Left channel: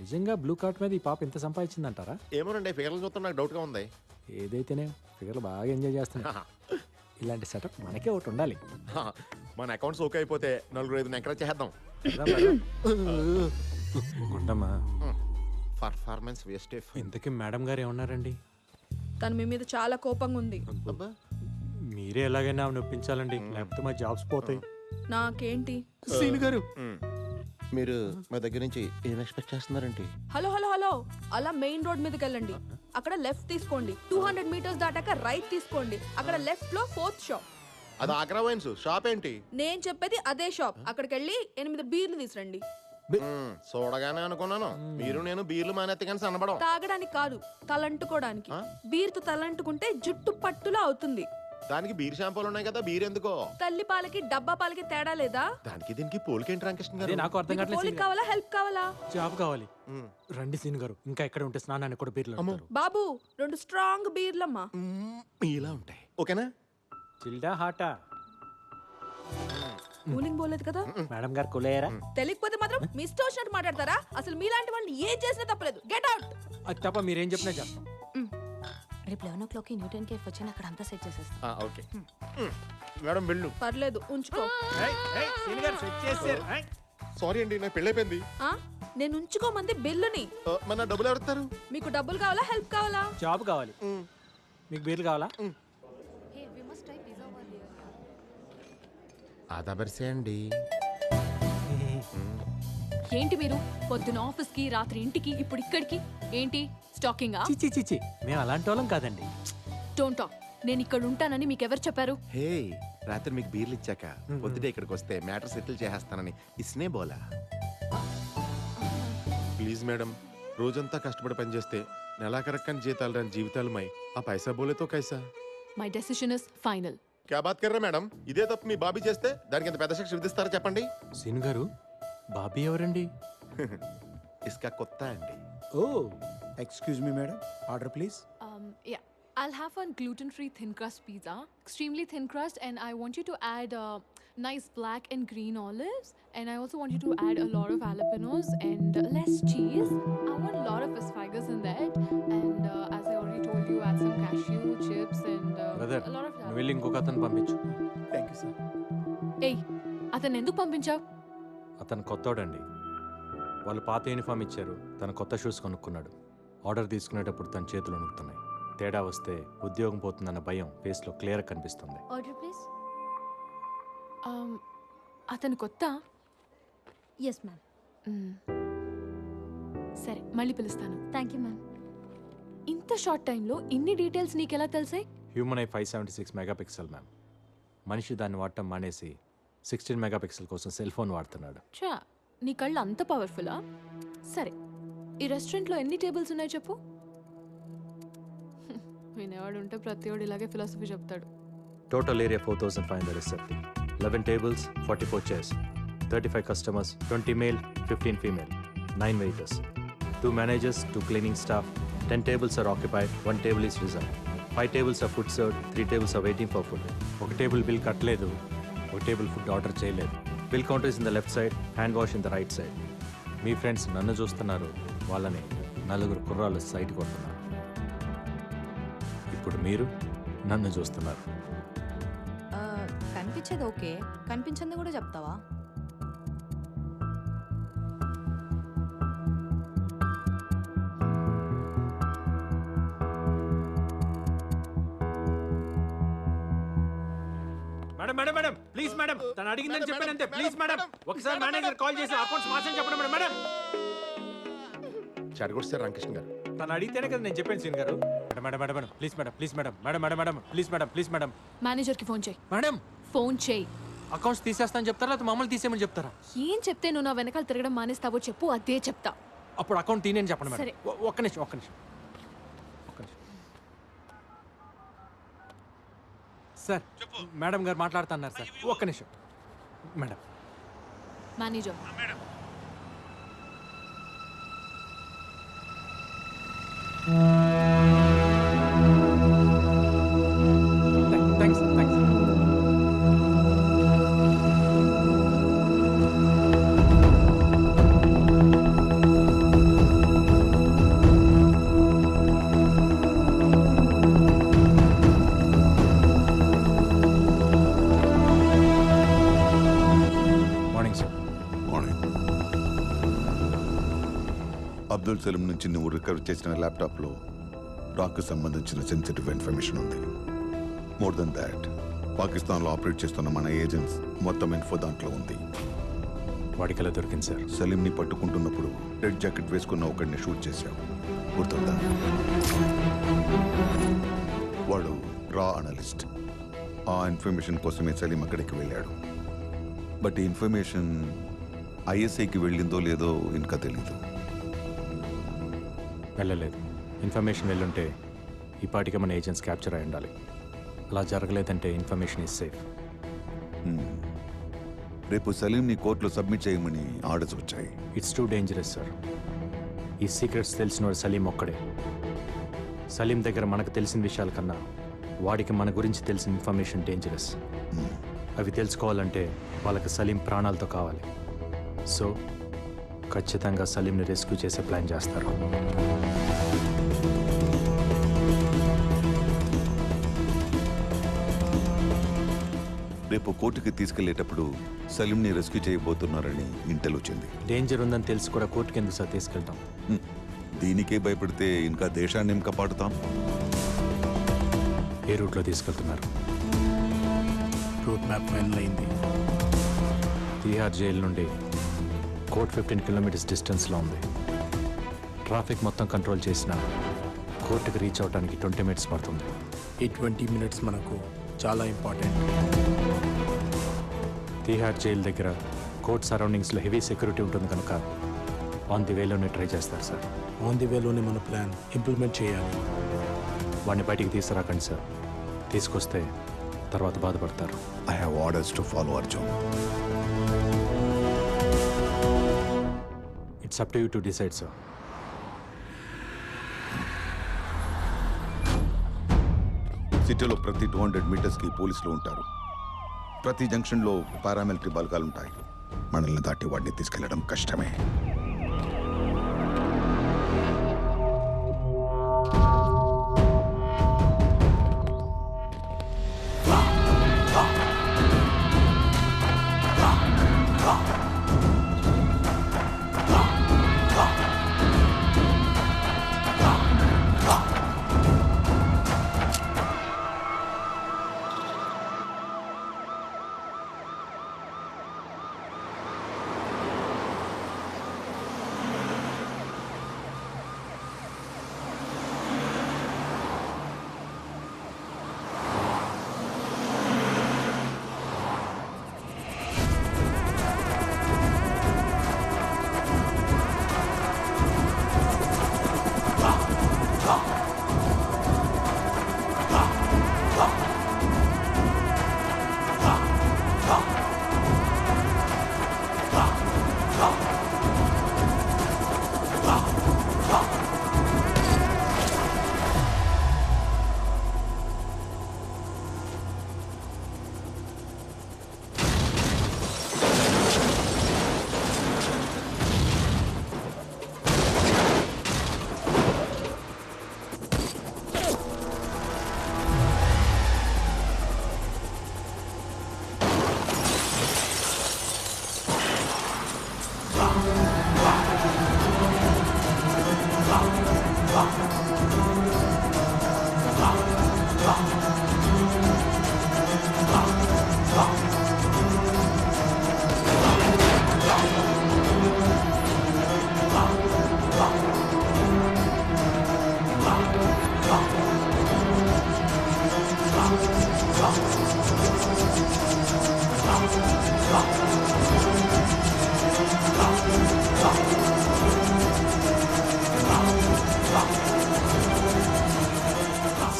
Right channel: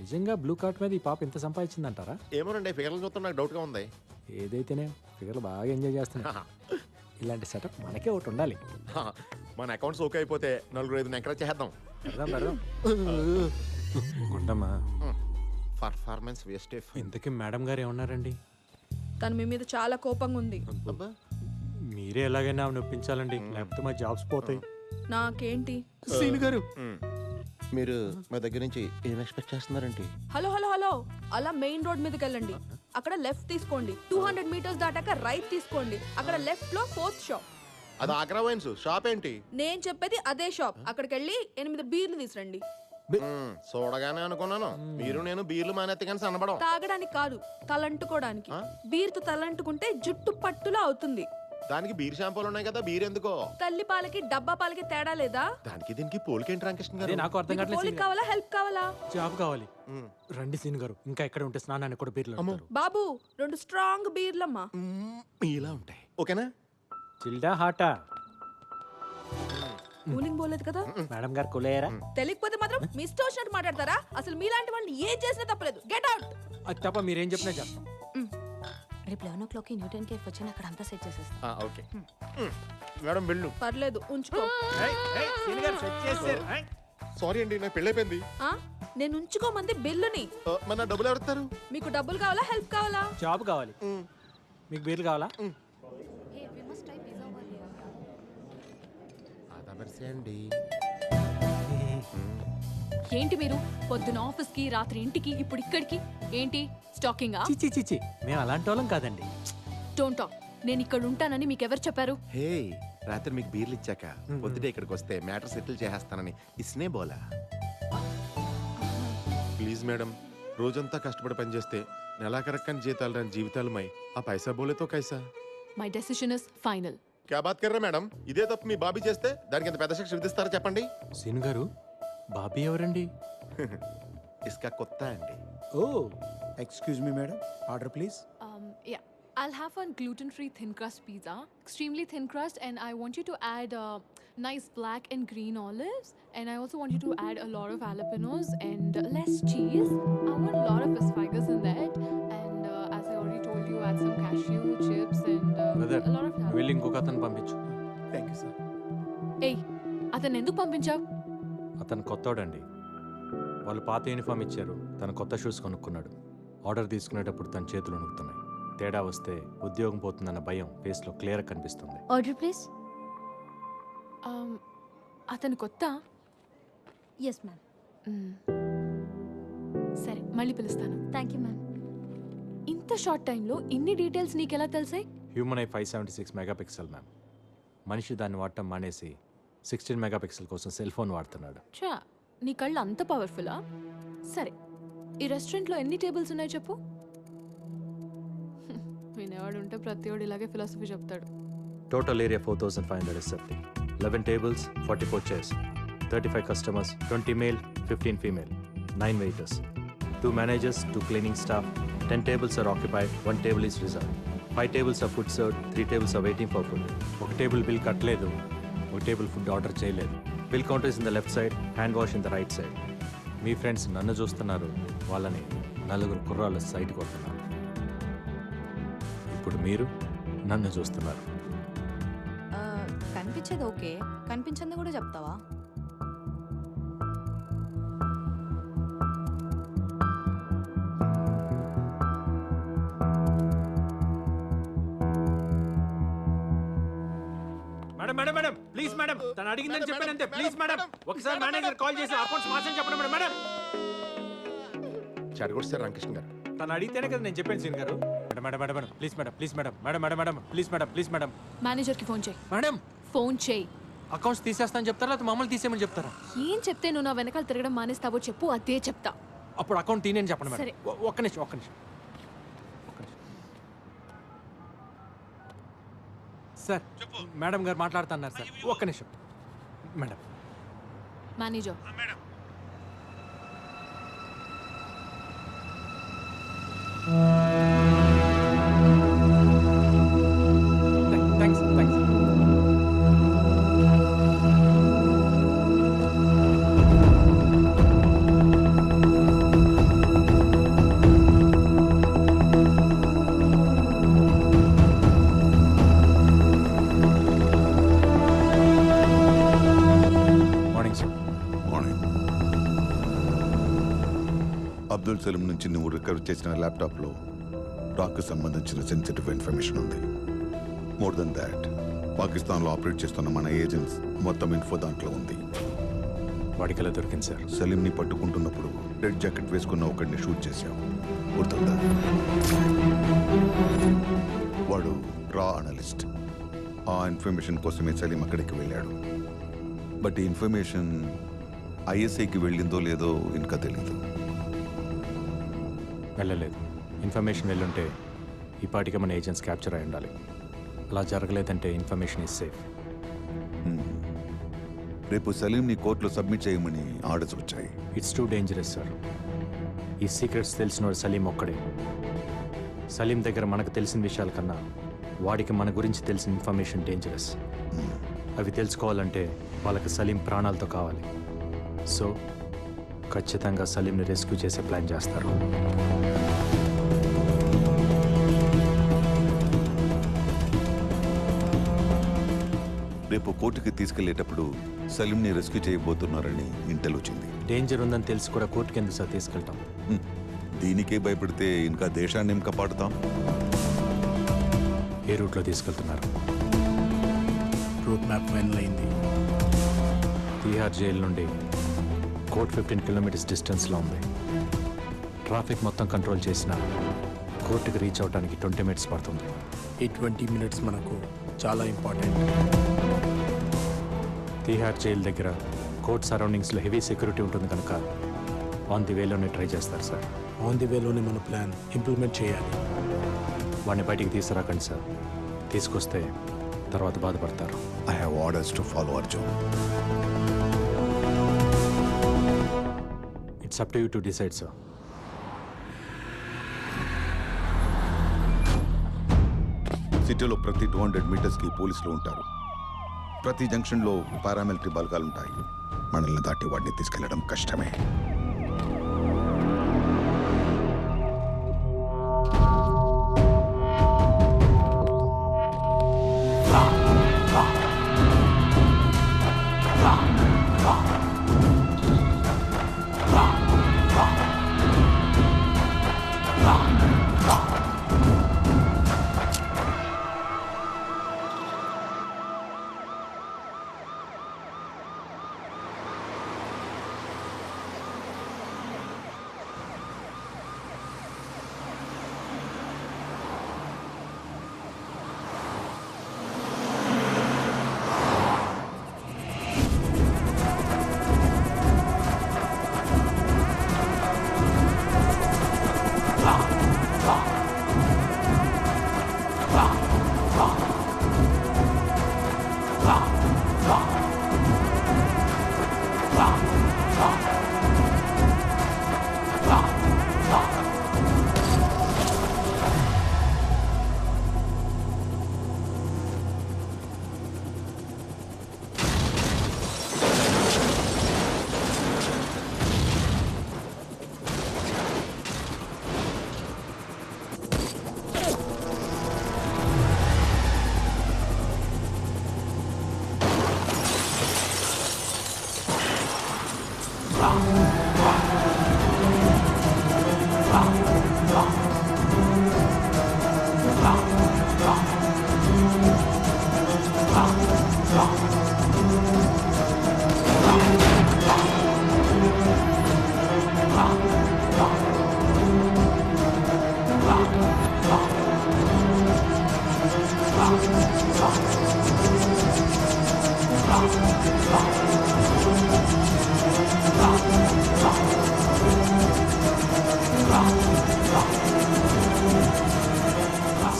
నిజంగా blue cart మీద ఈ పాప ఎంత సంపాదించిందంటారా? ఏమోనండి, ఫిగర్లు చూస్తే నాకు డౌట్గా ఉంది. ఏదైతేనే ఫిగర్లు బాగా ఎంజాయ్ చేస్తున్నా. ఇలాంటి సెటప్ మనకే ఒకటి ఉండాలి. మన అకౌంట్స్ ఓకే అయిపోతే 4-5 ఎంకరేజ్ చేద్దాం. ఉండమ్మా. Performance waste. ఇంతకీ మేడం గారు ఏమన్నారండి? తను మీ మీద చాలా కోపంగా ఉంది. మీరే ఎలాగైనా ఆమె ఒప్పించాలండి, లేకపోతే మా జాబ్స్ పోతాయి. నాకేంటి సీన్ గారు, మీరు మా దగ్గర నుంచి ఏం ఎక్స్పెక్ట్ చేస్తున్నారండి? హలో హలో హలో, అలా మెయిన్ రోడ్ మీదకి వెళ్ళండి. అక్కడ లెఫ్ట్ తీసుకోండి. 200 మీటర్స్ దాటాక రైట్ తీసుకోండి. అక్కడ లెఫ్ట్ లో 4th షాప్. అది ఆగ్రా వైన్స్ షాప్ ఏంటి? నేను చెప్పేది అదే షాప్. అక్కడికి వెళ్ళి 8 బీర్లు తీసురండి. చూడగానే అనుకున్నాను మీరు నేను బీర్లు మానేత్తే కానీ సన్నబడం. తాగడానికి కాదు, తలంటుకోవడానికి. బీర్తో తలంటుకుంటే జుట్టు పట్టులా అవుతుంది. దానికి బీర్ షాంపూలు ఉన్నాయి కదా, బీర్ ఎందుకో? తల్లి పాలకి డబ్బా పాలకి తేడా లేదా? దానికి దీనికి పోలికేంటి రామకృష్ణ గారు? నాకు అర్థం కావట్లేదు. పోలిక కావాలా, హెల్ప్ కావాలా? జాబ్ కావాలి. రండి సీన్ గారు, ఇంకా ఎక్కడ ఉంటే స్నానాన్ని కూడా బీర్లు అమ్ముతారు. బాబు 2 స్ట్రాంగ్ బీర్లమ్మా. ఇలా ఉంటాయి, ఓకేనా? చిల్డా హాటా? కూలింగ్ పోలేదు కదా మేడం గారు కూలయ్యారా? తెలియకపోతే మాత్రం మీ ఇష్టం వచ్చినట్టు మాట్లాడతారా? అసలు మీలాంటి వాళ్ళని ఏం చేసినా తప్పలేదు. Get out. అది తప్ప మీరేం చెప్పినా చేస్తాం. రేపు 11 o'clock న్యూటన్ కేఫ్ వచ్చి అక్కడ అంతా సెట్ చేసేస్తాం. ఓకే మేడం వెళ్ళు. పర్లేదు, ఉంచుకో. సారీ అండి, నాకు పెళ్ళైపోయింది. నేను ఉంచుకోమంది బిల్లుని. మన డబ్బులు ఎవరుతారు? మీకు డబ్బులు కావాలా, హెల్ప్ కావాలా? జాబ్ కావాలి. మీకు బీర్లు కావాలా? Hey we must try pizza over here yeah. ఆదాబర్సే అండి. ఏంటి మీరు పొద్దున ఆఫీస్ కి, రాత్రి ఇంటికి, ఇప్పుడు ఇక్కడికి ఏంటి స్టాకింగ్? చిచి చిచి, మేము అలాంటి వాళ్ళం కాదండి. Don't talk. నేను ఇక్కడ ఉంటానని మీకు ఎవరు చెప్పారు? హే, రాత్రి మీకు బీర్లు ఇచ్చాక పొద్దుటే ఇక్కడికి వస్తే మ్యాటర్ సెటిల్ చేసేస్తానని ఇస్నే బోలా. ప్లీజ్ మేడం, రోజంతా కష్టపడి పనిచేస్తే నెలాఖరక్కని జీతాలు రాని జీవితాలమై ఆ పైసా బోలేతో కైసా. My decision is final. క్యా బాత్ కర్రా మేడం? ఇదే తప్పు మీ బాబీ చేస్తే దానికి ఎంత పెద్ద శిక్ష విధిస్తారో చెప్పండి. సీన్ గారు, బాబీ ఎవరండి? ఇస్కా కొత్త అండి. Oh excuse me madam, order please. Yeah, I'll have one gluten-free thin crust pizza, extremely thin crust, and I want you to add nice black and green olives, and I also want you to add a lot of jalapenos and less cheese. I want a lot of asparagus in that, and as I already told you, add some cashew chips and brother, a lot of నువ్వు వెళ్ళి ఇంకొక అతను పంపించు. Thank you sir. Hey, అతను ఎందుకు పంపించావు? అతను కొత్తోడండి. వాళ్ళు పాత యూనిఫామ్ ఇచ్చారు, తన కొత్త షూస్ కొనుక్కున్నాడు. ఆర్డర్ తీసుకునేటప్పుడు తన చేతులు వణుకుతున్నాయి. తేడా వస్తే ఉద్యోగం పోతుందన్న భయం ఫేస్లో క్లియర్ కనిపిస్తుంది. Order please. అతను కొత్త? Yes ma'am. సరే, మళ్ళీ పిలుస్తాను. Thank you ma'am. ఇంత షార్ట్ టైంలో ఇన్ని డీటెయిల్స్ నీకెలా తెలిసాయి? Human eye 576 megapixel ma'am. మనిషి దాన్ని వాడటం మానేసి 16 మెగాపిక్సెల్ కోసం సెల్ ఫోన్ వాడుతున్నాడు. చా, నీ కళ్ళు అంత పవర్ఫుల్లా? సరే, ఈ రెస్టారెంట్లో ఎన్ని టేబుల్స్ ఉన్నాయి చెప్పు. వినేవాడు ఉంటే ప్రతివాడు ఇలాగే ఫిలాసఫీ చెప్తాడు. Total area 4570. 11 tables, 44 chairs. 35 customers, 20 male, 15 female. 9 waiters. 2 managers, 2 cleaning staff. 10 tables are occupied, 1 table is reserved. 5 tables are food served, 3 tables are waiting for food. ఒక టేబుల్ బిల్ కట్టలేదు, ఒక టేబుల్ ఫుడ్ ఆర్డర్ చేయలేదు. Bill counter is in the left side, hand wash in the right side. Me friends నన్ను చూస్తున్నారు, వాళ్ళని 4 కుర్రాళ్ళు site కొడుతున్నారు. ఇప్పుడు మీరు నన్ను చూస్తున్నారు. కనిపించేది ఓకే, కనిపించింది కూడా చెప్తావా? Madam madam madam please madam, తను అడిగిందని చెప్పానంతే. ప్లీజ్ మేడం, ఒకసారి మేనేజర్ కాల్ చేసి అకౌంట్స్ మార్చని చెప్పండి మేడం. మేడం చెడగొట్టారు రామకృష్ణ గారు. తను అడిగితేనే కదా నేను చెప్పాను సీన్ గారు. Madam madam madam madam please madam, please madam, madam madam madam please madam, please madam. మేనేజర్కి ఫోన్ చేయి. మేడం ఫోన్ చేయి. అకౌంట్స్ తీసేస్తాను చెప్తారా, లేకపోతే మమ్మల్ని తీసేయమని చెప్తారా? ఏం చెప్తే నువ్వు నా వెనకాల తిరగడం మానేస్తావో చెప్పు, అదే చెప్తా. అప్పుడు అకౌంట్ తీయని చెప్పండి మేడం. సరే. ఒక్క నిమిషం, ఒక్క నిమిషం, ఒక్క నిమిషం. సార్, మేడం గారు మాట్లాడుతున్నారు సార్, ఒక్క నిమిషం madam. Manager, thanks thanks. Abdul Salim నుంచి నువ్వు రికవర్ చేసిన ల్యాప్టాప్లో రాక్కు సంబంధించిన సెన్సిటివ్ ఇన్ఫర్మేషన్ ఉంది. మోర్ దెన్ దాట్, పాకిస్తాన్లో ఆపరేట్ చేస్తున్న మన ఏజెంట్స్ మొత్తం ఇన్ఫో దాంట్లో ఉంది. వాడికి ఎలా దొరికింది సార్? సలీంని పట్టుకుంటున్నప్పుడు రెడ్ జాకెట్ వేసుకున్న ఒకడిని షూట్ చేశావు, గుర్తుందా? వాడు రా అనలిస్ట్. ఆ ఇన్ఫర్మేషన్ కోసమే సలీం అక్కడికి వెళ్ళాడు. బట్ ఈ ఇన్ఫర్మేషన్ ఐఎస్ఐకి వెళ్ళిందో లేదో ఇంకా తెలీదు. వెళ్ళలేదు. ఇన్ఫర్మేషన్ వెళ్ళుంటే ఈ పాటికి మన ఏజెంట్స్ క్యాప్చర్ అయి ఉండాలి. అలా జరగలేదంటే ఇన్ఫర్మేషన్ ఈజ్ సేఫ్. రేపు సలీంని కోర్టులో సబ్మిట్ చేయమని ఆర్డర్స్ వచ్చాయి. It's too dangerous sir. ఈ సీక్రెట్స్ తెలిసినవాడు సలీం ఒక్కడే. సలీం దగ్గర మనకు తెలిసిన విషయాల కన్నా వాడికి మన గురించి తెలిసిన ఇన్ఫర్మేషన్ డేంజరస్. అవి తెలుసుకోవాలంటే వాళ్ళకి సలీం ప్రాణాలతో కావాలి. సో ఖచ్చితంగా సలీంని రెస్క్యూ చేసే ప్లాన్ చేస్తారు. రేపు కోర్టుకి తీసుకెళ్లేటప్పుడు సలీంని రెస్క్యూ చేయబోతున్నారని ఇంటెల్ వచ్చింది. డేంజర్ ఉందని తెలిసి కూడా కోర్టుకి ఎందుకు సార్ తీసుకెళ్తాం? దీనికే భయపడితే ఇంకా దేశాన్ని ఏం కాపాడుతాం? ఏ రూట్లో తీసుకెళ్తున్నారు? రూట్ మ్యాప్ ఫైనల్ అయింది. తీహార్ జైలు నుండి కోర్ట్ 15 కిలోమీటర్స్ డిస్టెన్స్లో ఉంది. ట్రాఫిక్ మొత్తం కంట్రోల్ చేసిన కోర్టుకి రీచ్ అవడానికి 20 మినిట్స్ పడుతుంది. ఈ 20 మినిట్స్ మనకు చాలా ఇంపార్టెంట్. తీహార్ జైలు దగ్గర కోర్ట్ సరౌండింగ్స్లో హెవీ సెక్యూరిటీ ఉంటుంది కనుక ఆన్ ది వేలోనే ట్రై చేస్తారు సార్. ఆన్ ది వేలోనే మన ప్లాన్ ఇంప్లిమెంట్ చేయాలి. వాడిని బయటికి తీసుకురాకండి సార్. తీసుకొస్తే తర్వాత బాధపడతారు. I have orders to follow Arjun. It's up to you to decide sir. సిటీలో ప్రతి 200 మీటర్స్కి పోలీసులు ఉంటారు. ప్రతి జంక్షన్లో పారామిలిటరీ బలగాలు ఉంటాయి. మనల్ని దాటి వాడిని తీసుకెళ్లడం కష్టమే.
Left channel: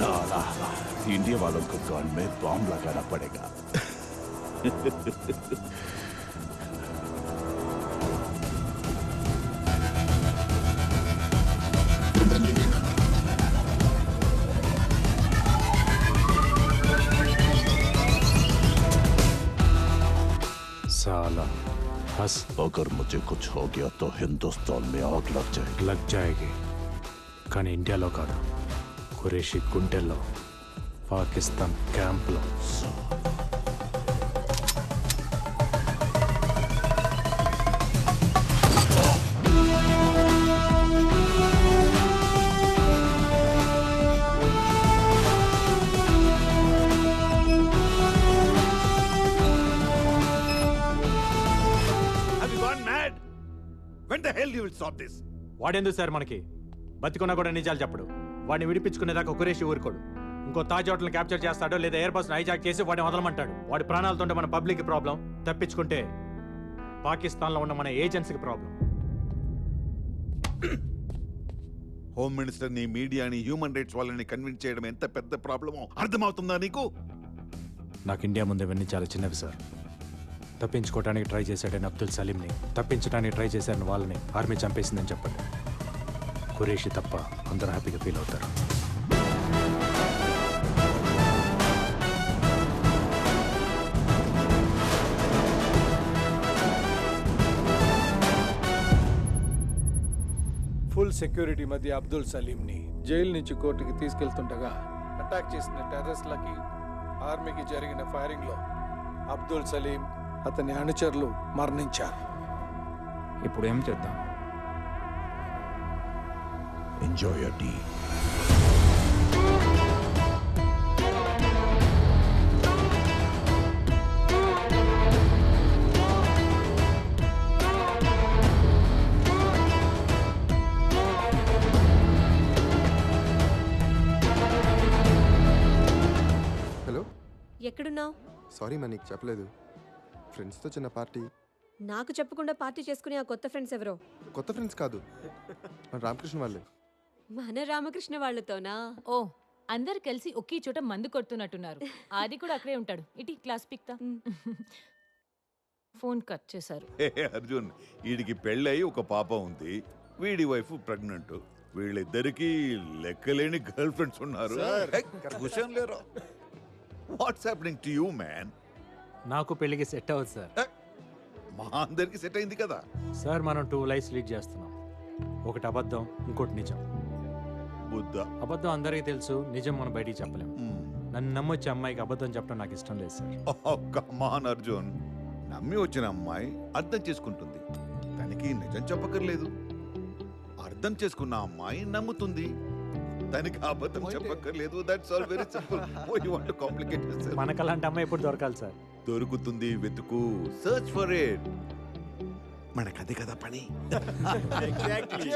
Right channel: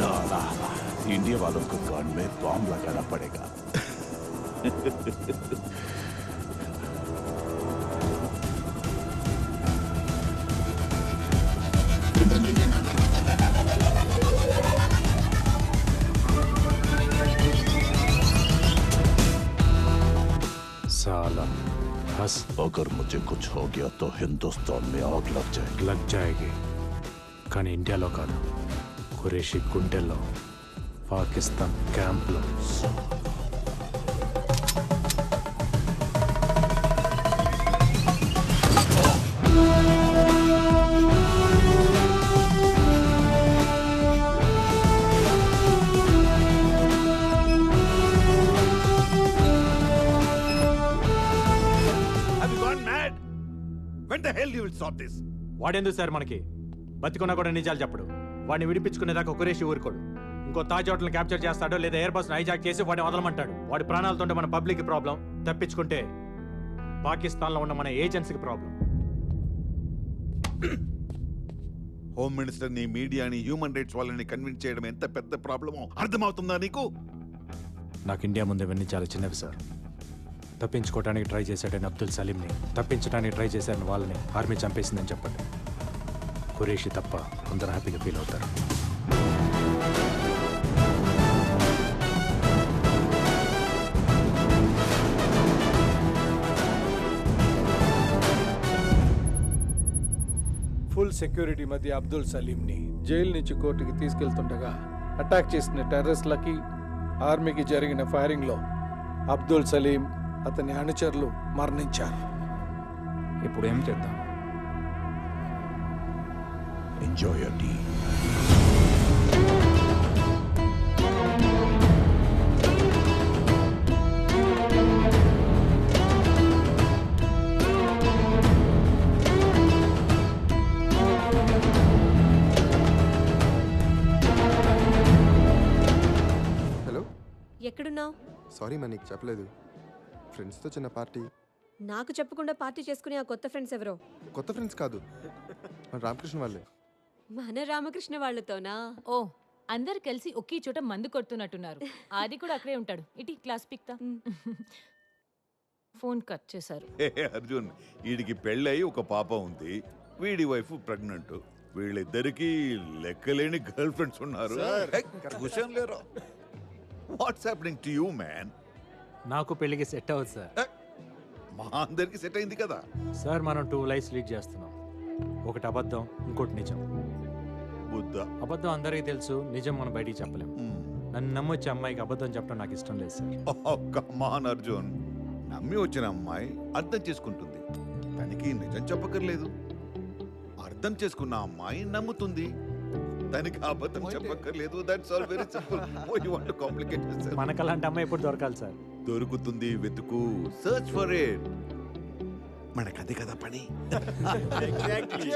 साला इंडिया वालों को कान में बॉम्ब लगाना पड़ेगा. साला हंस. अगर मुझे कुछ हो गया तो हिंदुस्तान में आग लग जाएगी. కానీ ఇండియాలో కాదు, ఖురేషీ గుండెల్లో, పాకిస్తాన్ క్యాంప్లో. hell you will stop this? వాడెందుకు సార్ మనకి? బతికున్నా కూడా నిజాలు చెప్పడు. వాడిని విడిపించుకునేదాకా కురేషి ఊరుకోడు. ఇంకో తాజ్ హోటల్ని క్యాప్చర్ చేస్తాడో లేదా ఎయిర్ బస్ హైజాక్ చేసి వాడిని వదలమంటాడు. వాడి ప్రాణాలతో మన పబ్లిక్ ప్రాబ్లం, తప్పించుకుంటే పాకిస్తాన్లో ఉన్న మన ఏజెన్సీకి ప్రాబ్లం. హోమ్ మినిస్టర్ని, మీడియాని, హ్యూమన్ రైట్స్ వాళ్ళని కన్విన్స్ చేయడం ఎంత పెద్ద ప్రాబ్లమో అర్థమవుతుందా నీకు? నాకు ఇండియా ముందు ఇవన్నీ చాలా చిన్నవి సార్. తప్పించుకోవడానికి ట్రై చేశాడని అబ్దుల్ సలీంని, తప్పించడానికి ట్రై చేశారని వాళ్ళని ఆర్మీ చంపేసిందని చెప్పండి. ఖురేషి తప్ప అందరూ హ్యాపీగా ఫీల్ అవుతారు. ఫుల్ సెక్యూరిటీ మధ్య అబ్దుల్ సలీంని జైలు నుంచి కోర్టుకి తీసుకెళ్తుండగా అటాక్ చేసిన టెర్రరిస్ట్లకి ఆర్మీకి జరిగిన ఫైరింగ్లో అబ్దుల్ సలీం, అతని అనుచరులు మరణించారు. ఇప్పుడు ఏం చేద్దాం? Enjoy your tea. హలో, ఎక్కడున్నావు? సారీ మా నీకు చెప్పలేదు. ఫ్రెండ్స్తో చిన్న పార్టీ. నాకు చెప్పకుండా పార్టీ చేసుకునే ఆ కొత్త ఫ్రెండ్స్ ఎవరో? కొత్త ఫ్రెండ్స్ కాదు, మన రామకృష్ణ వాళ్ళే. మన రామకృష్ణ వాళ్ళతోనా? ఓ, అందరు కలిసి ఒకే చోట మందు కొడుతున్నట్టున్నారు. ఆది కూడా అక్కడే ఉంటాడు. ఇటీ క్లాస్ పిక్తా. ఫోన్ కట్ చేశారు. అర్జున్, వీడికి పెళ్ళయి ఒక పాప ఉంది, వీడి వైఫ్ ప్రెగ్నెంట్. వీళ్ళిద్దరికి లెక్కలేని గర్ల్ ఫ్రెండ్స్ ఉన్నారు. What's happening to you man? నాకు పెళ్లికి సెట్ అవ్వదు సార్. మా అందరికి సెట్ అయింది కదా సార్. మనం 2 లైఫ్స్ లీడ్ చేస్తున్నాం. ఒకటి అబద్ధం, ఇంకోటి నిజం. బుద్ధ. అబద్ధం అందరికీ తెలుసు, నిజం మనం బయటికి చెప్పలేం. నన్ను నమ్మొచ్చే అమ్మాయికి అబద్ధం చెప్పడం నాకు ఇష్టం లేదు సార్. కమాన్ అర్జున్, నమ్మి వచ్చిన అమ్మాయి అర్థం చేసుకుంటుంది, తనకి నిజం చెప్పక్కర్లేదు. అర్థం చేసుకున్న అమ్మాయి నమ్ముతుంది, తనకి అబద్ధం చెప్పక్కర్లేదు. That's all very simple. Oh you want to complicate this? మనకు అలాంటి అమ్మాయి ఎప్పుడు దొరకాలి సార్? దొరుకుతుంది, వెతుకు, సర్చ్ ఫర్ ఇట్. మనకదే కదా పని. ఎగ్జాక్ట్లీ.